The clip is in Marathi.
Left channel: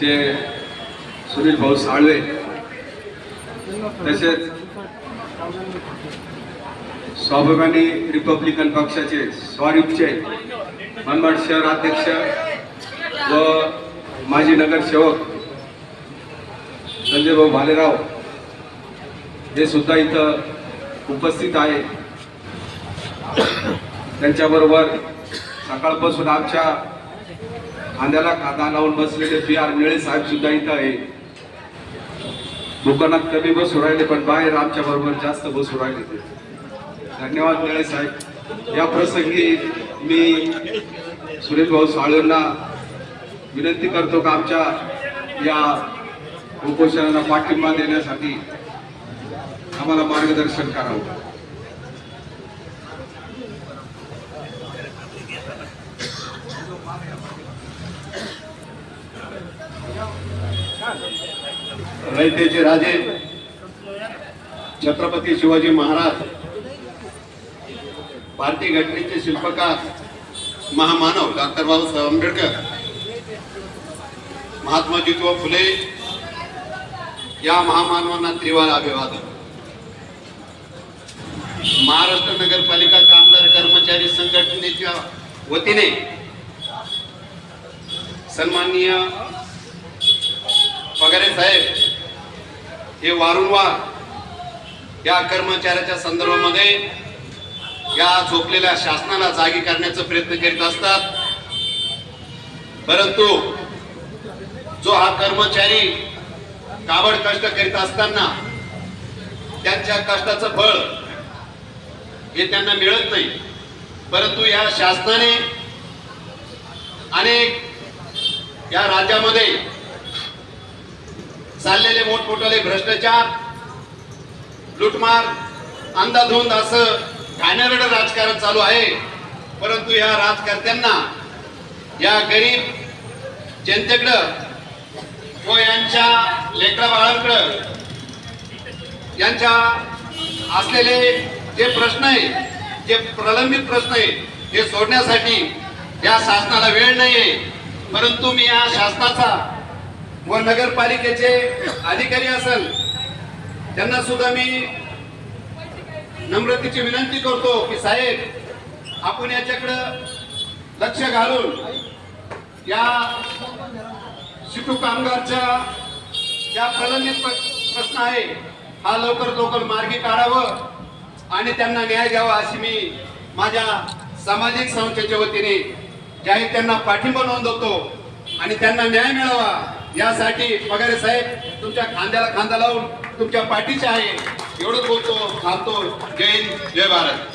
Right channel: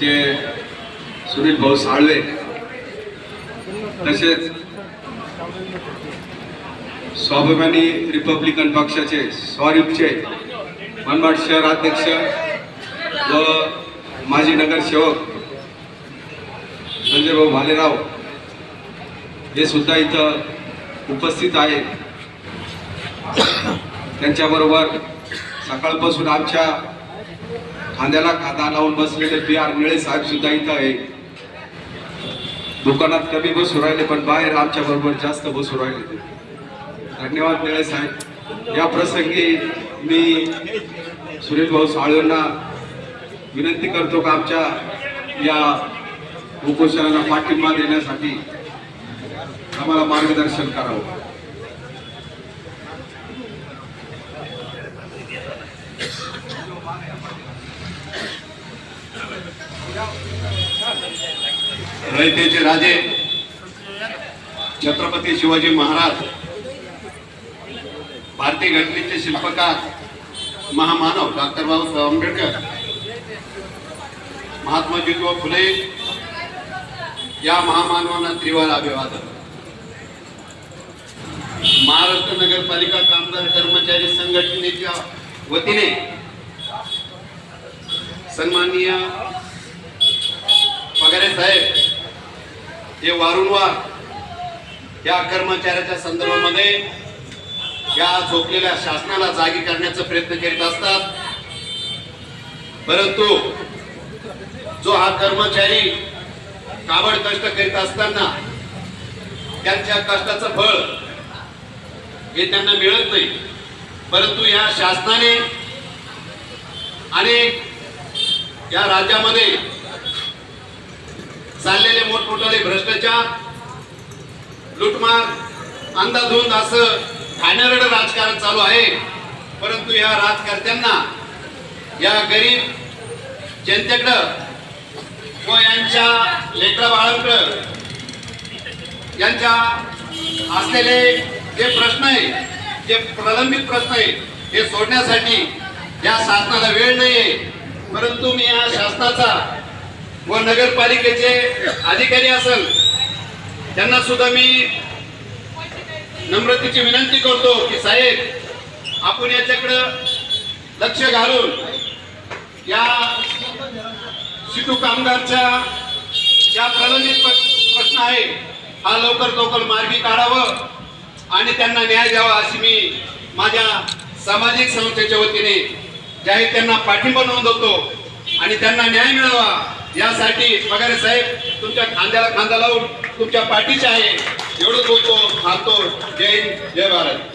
जे सुनील भाऊ साळवे तसेच स्वाभिमानी रिपब्लिकन पक्षाचे स्वरूपचे मनमाड शहर अध्यक्ष व माजी नगरसेवक संजय भाऊ भालेराव हे सुद्धा इथं उपस्थित आहे. त्यांच्याबरोबर सकाळपासून आमच्या खांद्याला खांदा लावून बसलेले बी आर मिळे साहेब सुद्धा इथं आहे. दुकानात कमी बसू राहिले पण बाहेर आमच्या बरोबर जास्त बसू राहिले धन्यवाद निळे साहेब. या प्रसंगी मी सुनील भाऊ साळवेंना विनंती करतो का आमच्या या उपोषणाला पाठिंबा देण्यासाठी आम्हाला मार्गदर्शन करावं. रयतेचे राजे छत्रपती शिवाजी महाराज भारतीय घटनेचे शिल्पकार महामानव डॉक्टर बाबासाहेब आंबेडकर महात्मा ज्योतिबा फुले या महामानवांना त्रिवार अभिवादन. महाराष्ट्र नगरपालिका कामगार कर्मचारी संघटनेच्या वतीने सन्माननीय वगैरे साहेब हे वारंवार या कर्मचाऱ्याच्या संदर्भामध्ये या झोपलेल्या शासनाला जागी करण्याचा प्रयत्न करीत असतात. परंतु जो हा कर्मचारी काबड कष्ट करीत असताना त्यांच्या कष्टाचं फळ हे त्यांना मिळत नाही. परंतु या शासनाने अनेक या राज्यामध्ये चाललेले मोठमोठाले भ्रष्टाचार लुटमार अंदाधुंद असं घाणेरडं राजकारण चालू आहे. परंतु या राजकर्त्यांना या गरीब जनतेकडं व यांच्या लेकरा बाळांकडं यांच्या असलेले जे प्रश्न आहे जे प्रलंबित प्रश्न आहे हे सोडण्यासाठी या शासनाला वेळ नाही आहे परंतु मी या शासनाचा व नगरपालिकेचे अधिकारी असेल त्यांना सुद्धा मी नम्रतेची विनंती करतो की साहेब आपण याच्याकडं लक्ष घालून या सिटू कामगारच्या ज्या प्रलंबित प्र- प्रश्न आहे हा लवकर लवकर मार्गी काढावं आणि त्यांना न्याय द्यावा अशी मी माझ्या सामाजिक संस्थेच्या वतीने जाहीर त्यांना पाठिंबा नोंदवतो आणि त्यांना न्याय मिळावा. यासाठी पगारे साहेब तुमच्या खांद्याला खांदा लावून तुमच्या पाठीचे आहे. एवढंच बोलतो थांबतो जय हिंद जय भारत.